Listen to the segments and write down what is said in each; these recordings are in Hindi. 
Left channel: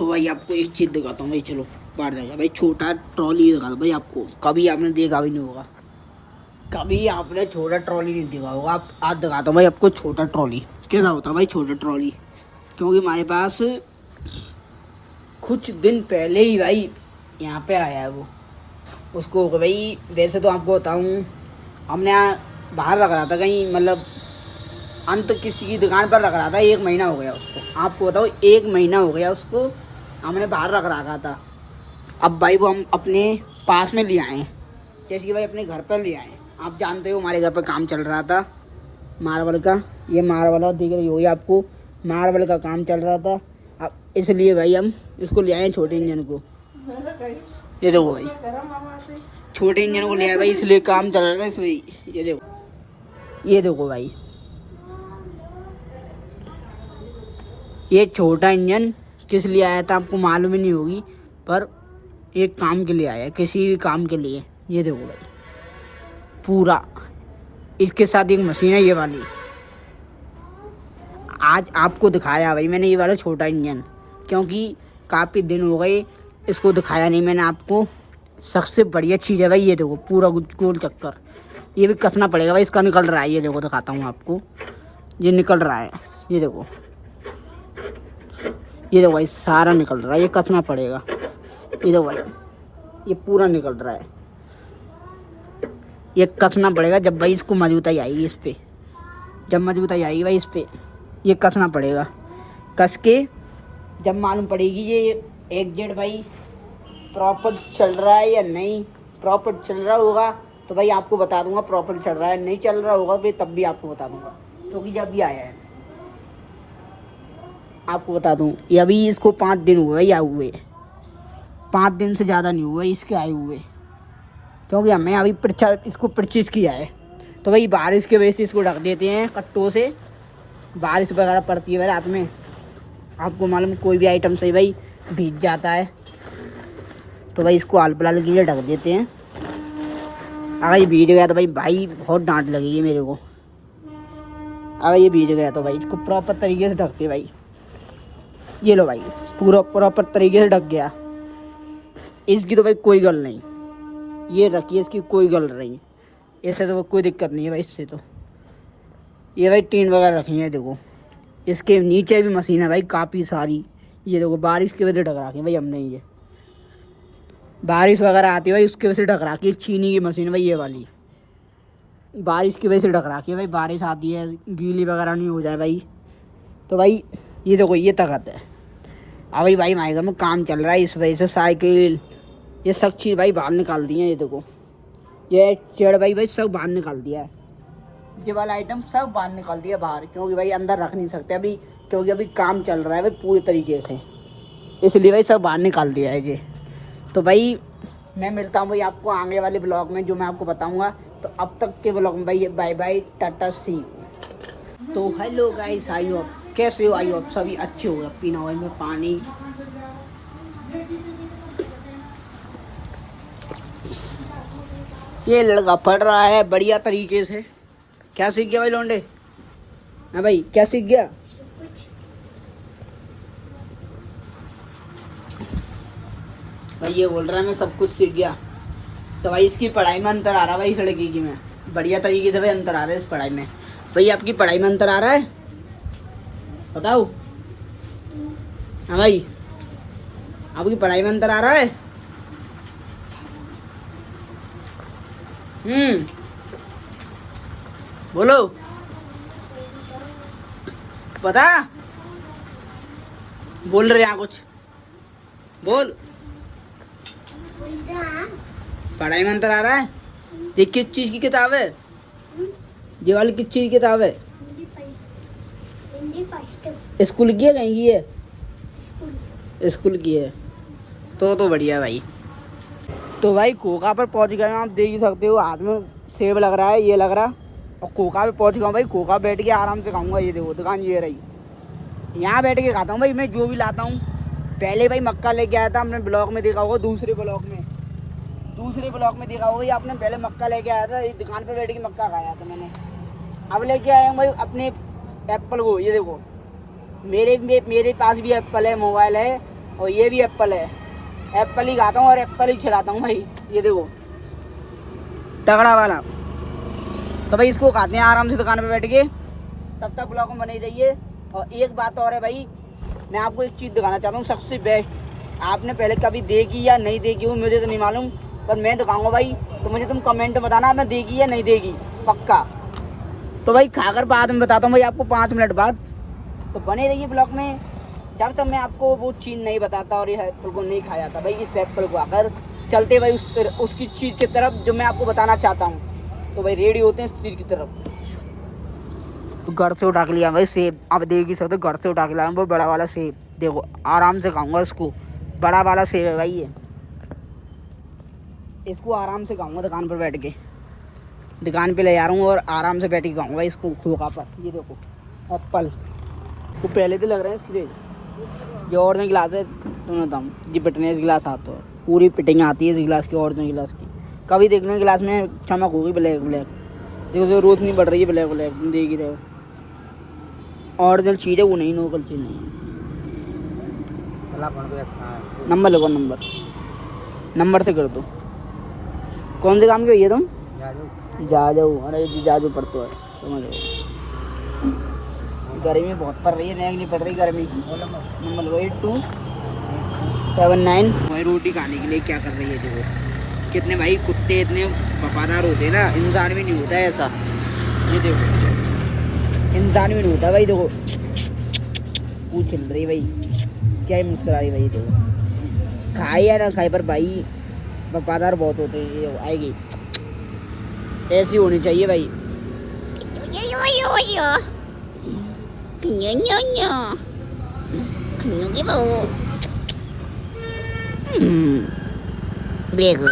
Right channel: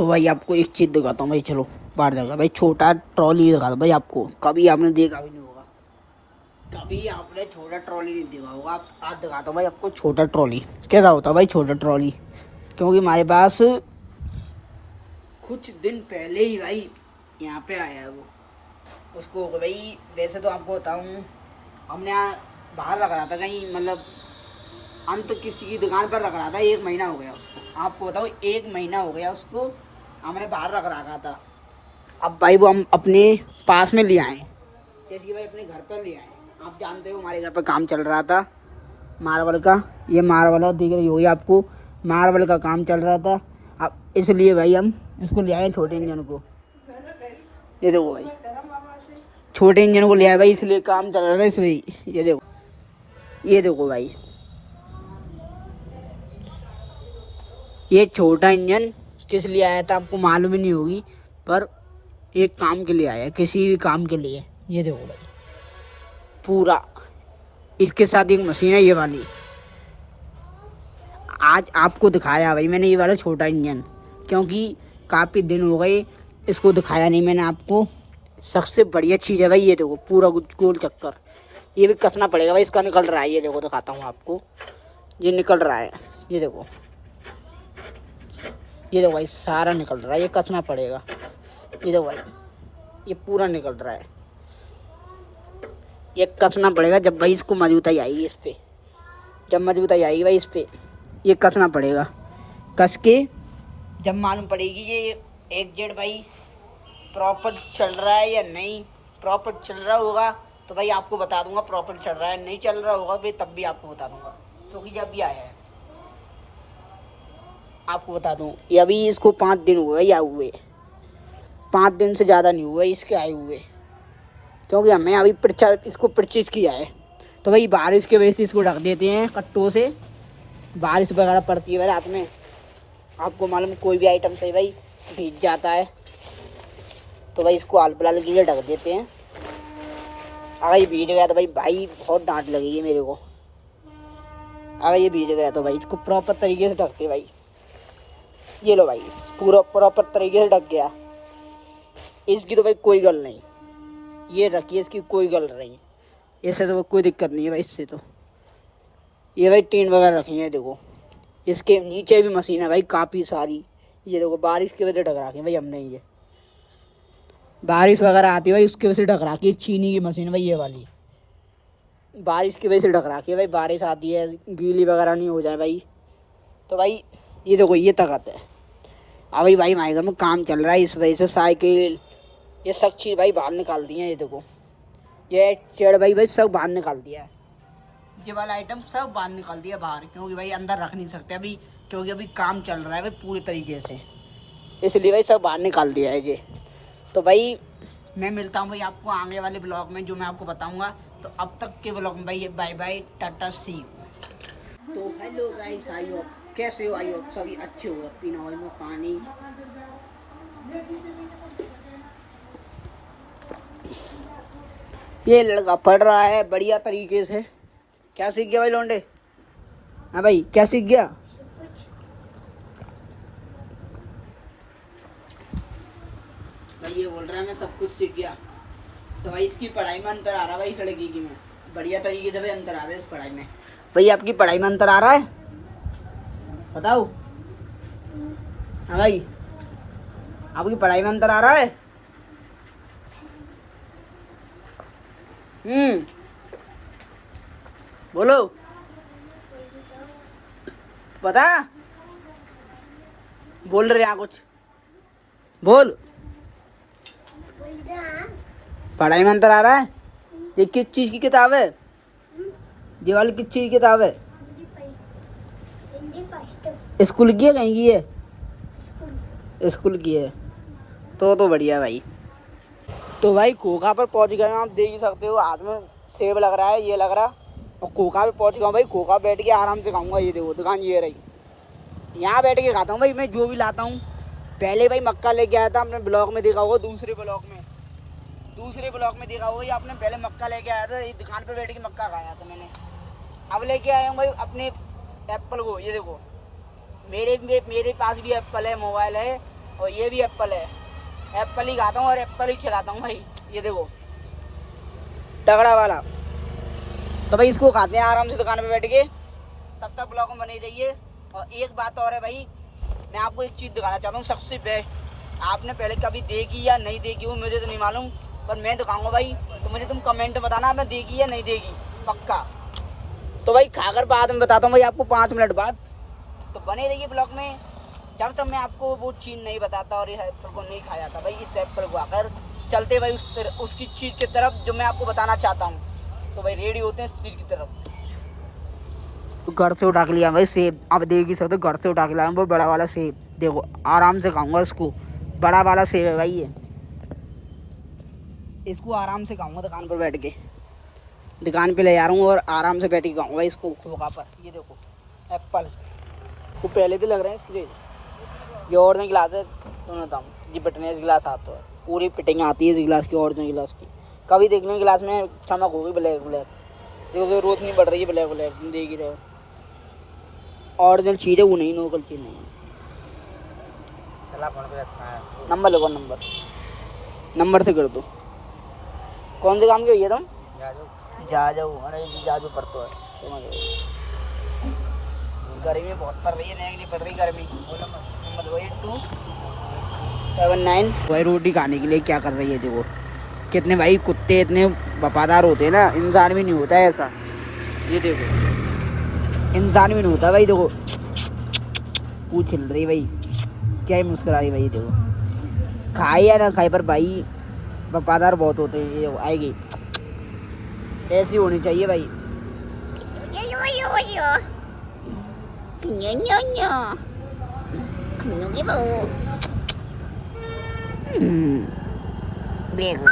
तो भाई आपको एक चीज़ दिखाता हूँ भाई, चलो बाहर जाएगा भाई। छोटा ट्रॉली दिखाता भाई आपको, कभी आपने देखा भी नहीं होगा, कभी आपने छोटा ट्रॉली नहीं देखा होगा। आप आज दिखाता हूँ भाई आपको छोटा ट्रॉली कैसा होता है भाई, छोटा ट्रॉली। क्योंकि हमारे पास कुछ दिन पहले ही भाई यहाँ पे आया है वो, उसको भाई वैसे तो आपको बताऊँ, हमने यहाँ बाहर रख रहा था कहीं, मतलब अंत किसी की दुकान पर रख रहा था। 1 महीना हो गया उसको, आपको बताओ 1 महीना हो गया उसको हमने बाहर रख रखा था। अब भाई वो हम अपने पास में ले आए हैं, जैसे कि भाई अपने घर पर ले आए हैं। आप जानते हो हमारे घर पर काम चल रहा था मार्बल का, ये मार्बल दिख रही होगी आपको, मार्बल का काम चल रहा था। अब इसलिए भाई हम इसको ले आए हैं, छोटे इंजन को। ये देखो भाई, छोटे इंजन को ले आए भाई, इसलिए काम चल रहा था इसमें। ये देखो, ये देखो भाई, ये छोटा इंजन किस लिए आया था आपको मालूम ही नहीं होगी, पर एक काम के लिए आया, किसी भी काम के लिए। ये देखो भाई पूरा, इसके साथ एक मशीन है ये वाली। आज आपको दिखाया भाई मैंने ये वाला छोटा इंजन, क्योंकि काफ़ी दिन हो गए इसको दिखाया नहीं मैंने आपको। सबसे बढ़िया चीज़ है भाई, ये देखो पूरा गोल चक्कर, ये भी कसना पड़ेगा भाई, इसका निकल रहा है। ये देखो दिखाता हूँ आपको, ये निकल रहा है, ये देखो, ये देखो भाई सारा निकल रहा है, ये कसना पड़ेगा। ये देखो भाई ये पूरा निकल रहा है, ये कसना पड़ेगा। जब भाई इसको मजबूताई आएगी इस पे, जब मजबूताई आएगी भाई इस पे, ये कसना पड़ेगा। कस के जब मालूम पड़ेगी ये एग्जैक्ट भाई प्रॉपर चल रहा है या नहीं। प्रॉपर चल रहा होगा तो भाई आपको बता दूंगा प्रॉपर चल रहा है, नहीं चल रहा होगा भाई तब भी आपको बता दूंगा, क्योंकि जब ये आया है आपको बता दूं, ये अभी इसको 5 दिन हुए या हुए, 5 दिन से ज़्यादा नहीं हुआ इसके आए हुए, क्योंकि हमें अभी इसको परचेज किया है। तो भाई बारिश की वजह से इसको ढक देते हैं कट्टों से, बारिश वगैरह पड़ती है रात में, आपको मालूम कोई भी आइटम से भाई भीग जाता है, तो भाई इसको आल पलाल के लिए ढक देते हैं। अगर ये भीग गया तो भाई बहुत डांट लगेगी मेरे को। अगर ये भीग गया तो भाई इसको प्रॉपर तरीके से ढकते भाई। ये लो भाई पूरा प्रॉपर तरीके से ढक गया, इसकी तो भाई कोई गल नहीं, ये रखिए इसकी कोई गल नहीं, इससे तो कोई दिक्कत नहीं है भाई इससे तो। ये भाई टीन वगैरह रखी है, देखो इसके नीचे भी मशीन है भाई काफ़ी सारी। ये देखो बारिश की वजह से ढक रखी है भाई हमने, ये बारिश वगैरह आती है भाई उसकी वजह से ढक रखी है। चीनी की मशीन भाई ये वाली, बारिश की वजह से ढक रखी है भाई, बारिश आती है गीली वगैरह नहीं हो जाए भाई। तो भाई ये देखो ये ताकत है। अभी भाई हमारे घर में काम चल रहा है, इस वजह से साइकिल ये सब चीज़ भाई बाहर निकाल दी है। ये देखो ये चेड़ भाई सब बाहर निकाल दिया है, ये वाला आइटम सब बाहर निकाल दिया बाहर, क्योंकि भाई अंदर रख नहीं सकते अभी, क्योंकि अभी काम चल रहा है भाई पूरी तरीके से, इसलिए भाई सब बाहर निकाल दिया है ये। तो भाई मैं मिलता हूँ भाई आपको आगे वाले ब्लॉग में, जो मैं आपको बताऊँगा। तो अब तक के ब्लॉग में भाई bye bye, tata see you. तो हेलो गाइस, आई हो आप, कैसे हो? आई हो आप सभी अच्छे हो, पीना हो में पानी। ये लड़का पढ़ रहा है बढ़िया तरीके से। क्या सीख गया भाई लौंडे? हाँ भाई क्या सीख गया? भाई ये बोल रहा है मैं सब कुछ सीख गया। तो भाई इसकी पढ़ाई में अंतर आ रहा है भाई, इस लड़की की में बढ़िया तरीके से भाई अंतर आ रहा है इस पढ़ाई में। भाई आपकी पढ़ाई में अंतर आ रहा है, बताओ। हाँ भाई आपकी पढ़ाई में अंतर आ रहा है? बोलो, बता, बोल रहे यहाँ कुछ बोल। पढ़ाई में अंतर आ रहा है? ये किस चीज की किताब है? ये वाली किस चीज की किताब है? स्कूल की है कहीं की है? स्कूल की है तो बढ़िया भाई। तो भाई कोका पे पहुंच गए आप, देख ही सकते हो हाथ में सेब लग रहा है, ये लग रहा। कोका पे पहुंच गया भाई, कोका बैठ के आराम से खाऊंगा। ये देखो दुकान ये रही, यहाँ बैठ के खाता हूँ भाई मैं जो भी लाता हूँ। पहले भाई मक्का लेके आया था, हमने ब्लॉग में देखा होगा, दूसरे ब्लॉग में देखा होगा आपने, पहले मक्का लेके आया था, इस दुकान पर बैठ के मक्का खाया था मैंने। अब लेके आया हूँ भाई अपने एप्पल को। ये देखो मेरे पास भी एप्पल है, मोबाइल है, और ये भी एप्पल है, एप्पल ही खाता हूँ और एप्पल ही खिलाता हूँ भाई। ये देखो तगड़ा वाला। तो भाई इसको खाते हैं आराम से दुकान पे बैठ के, तब तक ब्लॉग में बने रहिए। और एक बात और है भाई, मैं आपको एक चीज़ दिखाना चाहता हूँ सबसे बेस्ट। आपने पहले कभी देखी या नहीं देखी हो मुझे तो नहीं मालूम, पर मैं दिखाऊंगा भाई, तो मुझे तुम कमेंट में बताना मैं देखी या नहीं देखी, पक्का। तो भाई खाकर बाद में बताता हूँ भाई आपको 5 मिनट बाद। तो बने रहिए ब्लॉग में, जब तक मैं आपको वो चीज़ नहीं बताता और ये एप्पल को नहीं खाया जाता भाई। इस एप्पल को आकर चलते भाई उसकी चीज़ की तरफ जो मैं आपको बताना चाहता हूँ। तो भाई रेडी होते हैं इस चीज़ की तरफ। घर से उठा के लिया भाई सेब, अब देखिए सब तो घर से उठा के लाया वो बड़ा वाला सेब। देखो आराम से खाऊंगा इसको, बड़ा वाला सेब है भाई ये, इसको आराम से खाऊंगा दुकान पर बैठ के। दुकान पे ले जा रहा हूँ और आराम से बैठ के खाऊंगा इसको खोखा पर। ये देखो एप्पल, तो पहले तो लग रहा है स्ट्रेट। ये और नहीं गिलास है जी, फिटनेस गिलास आता है, पूरी फिटिंग आती है इस गिलास की। और नहीं गिलास की कभी देखने गिलास में चमक होगी ब्लैक ब्लैक, जो रोशनी बढ़ रही है ब्लैक ब्लैक, तुम देख ही रहे हो। और जो चीज़ है वो नहीं लोकल चीज़ नहीं है। नंबर लगो, नंबर से कर दो। कौन से काम के भैया तुम? जा जाओ। अरे जाजू पड़ते हो, गर्मी बहुत पड़ रही है, रैग नहीं पड़ रही गर्मी। नंबर लो 8279। भाई रोटी खाने के लिए क्या कर रही है देखो, कितने भाई कुत्ते इतने वफादार होते हैं ना, इंसान भी नहीं होता है ऐसा। ये देखो इंसान भी नहीं होता भाई, देखो पूछ हिल रही भाई, क्या ही मुस्कुरा रही भाई। देखो खाए या ना खाए पर भाई वफादार बहुत होते हैं। आएगी ऐसी होनी चाहिए भाई। देखो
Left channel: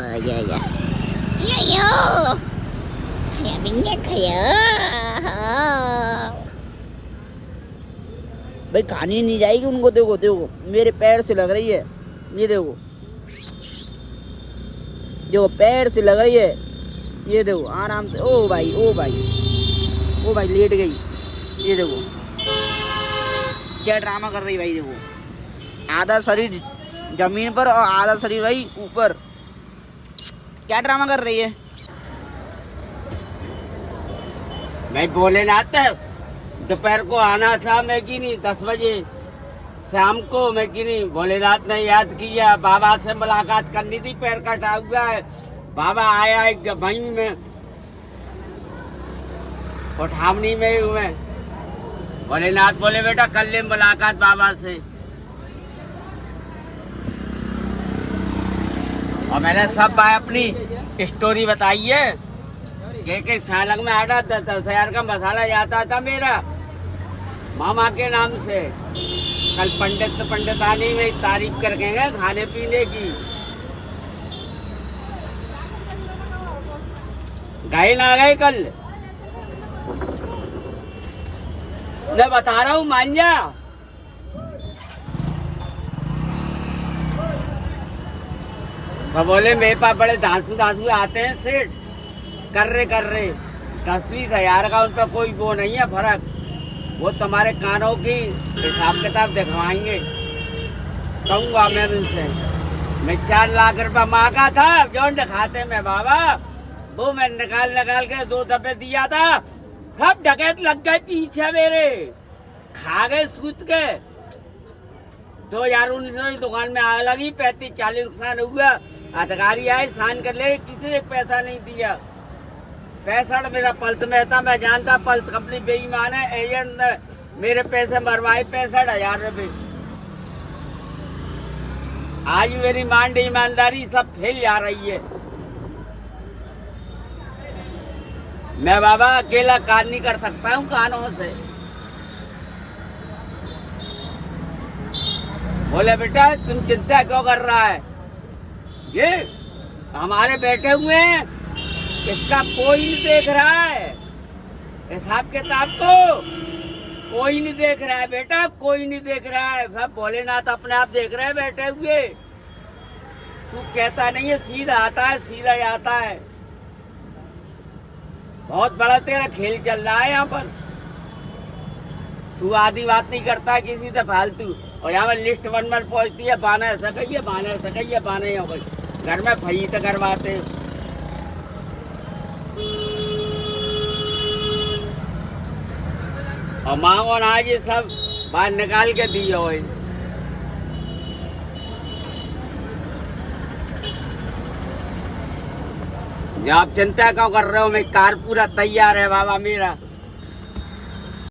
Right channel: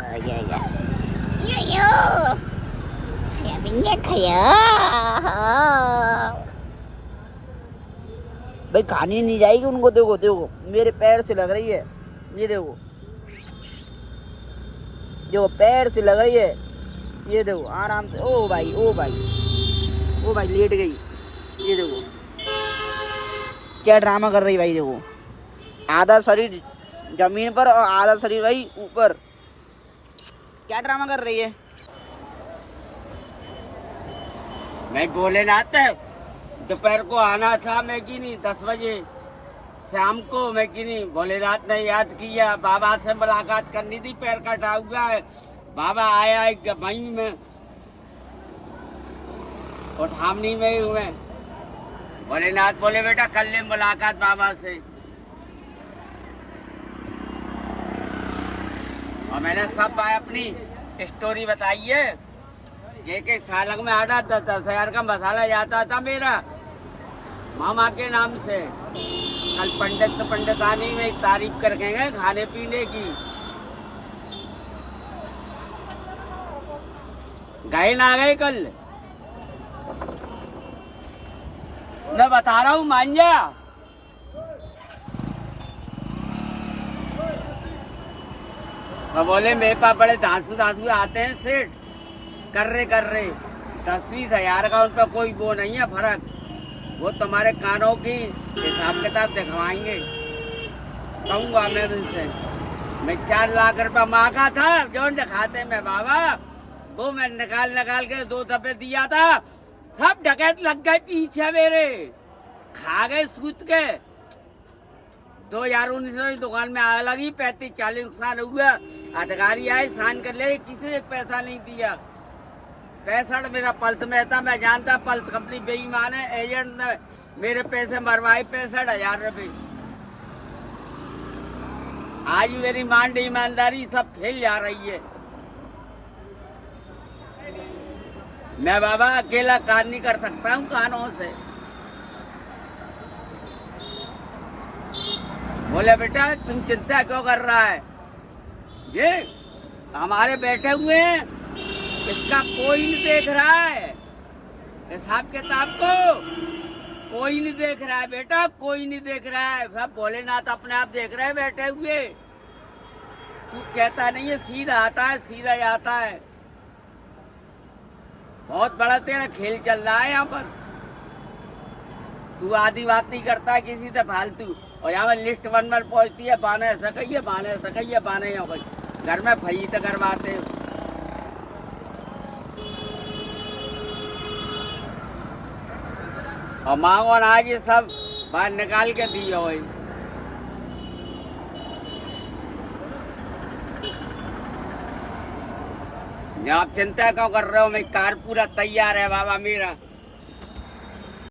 भाई खानी नहीं जाएगी उनको। देखो देखो मेरे पैर से लग रही है, ये देखो जो पैर से लग रही है। ये देखो आराम से, ओ भाई ओ भाई ओ भाई लेट गई। ये देखो क्या ड्रामा कर रही भाई। देखो आधा शरीर जमीन पर और आधा शरीर भाई ऊपर, क्या ड्रामा कर रही है। नहीं बोले लाता दोपहर को आना था, मैं की नहीं 10 बजे शाम को, मैं की नहीं भोलेनाथ ने याद किया, बाबा से मुलाकात करनी थी, पैर कटा हुआ है। बाबा आया एक वहीं में कोठामनी में हूँ मैं। भोलेनाथ बोले बेटा कर ले मुलाकात बाबा से, और मैंने सब भाई अपनी स्टोरी बताई है। के सालक में 8-10 का मसाला जाता था मेरा मामा के नाम से। कल पंडितानी में तारीफ कर गए खाने पीने की, गए ना गए कल मैं बता रहा हूँ, मान जा। सब बोले मेरे पास बड़े धांसू आते हैं सेठ, कर रहे 10-20 हजार का उन पर कोई वो नहीं है फर्क, वो तुम्हारे कानों की हिसाब किताब दिखवाएंगे। कहूँगा मैं उनसे, मैं 4 लाख रुपया मांगा था जो दिखाते में बाबा, वो मैं निकाल के 2 दफे दिया था, सब डकैत लग गए पीछे मेरे, खा गए सूत के। 2019 में दुकान में आग लगी, 35-40 नुकसान हुआ। अधिकारी आए सान कर ले, किसी ने पैसा नहीं दिया। 65 मेरा पल्स में था, मैं जानता पल्स कंपनी बेईमान है। एजेंट ने मेरे पैसे मरवाए 65,000 रुपये। आज मेरी मान ईमानदारी सब फेल जा रही है। मैं बाबा अकेला काम नहीं कर सकता हूँ कानों से। बोले बेटा तुम चिंता क्यों कर रहा है, ये हमारे बैठे हुए हैं, इसका कोई नहीं देख रहा है, हिसाब किताब को कोई नहीं देख रहा है बेटा, कोई नहीं देख रहा है। सब भोलेनाथ अपने आप देख रहे हैं बैठे हुए। तू कहता नहीं है, सीधा आता है, सीधा ही आता है। बहुत बड़ा तेरा खेल चल रहा है यहाँ पर। तू आधी बात नहीं करता है किसी से फालतू। और यहाँ में लिस्ट वन में पहुँचती है, बाने सकइए बाने सकइए बाने हो गई, घर में फई तो करवाते। और मांगो ना ये सब बाहर निकाल के दिए हो। आप चिंता क्यों कर रहे हो, मैं कार पूरा तैयार है बाबा मेरा।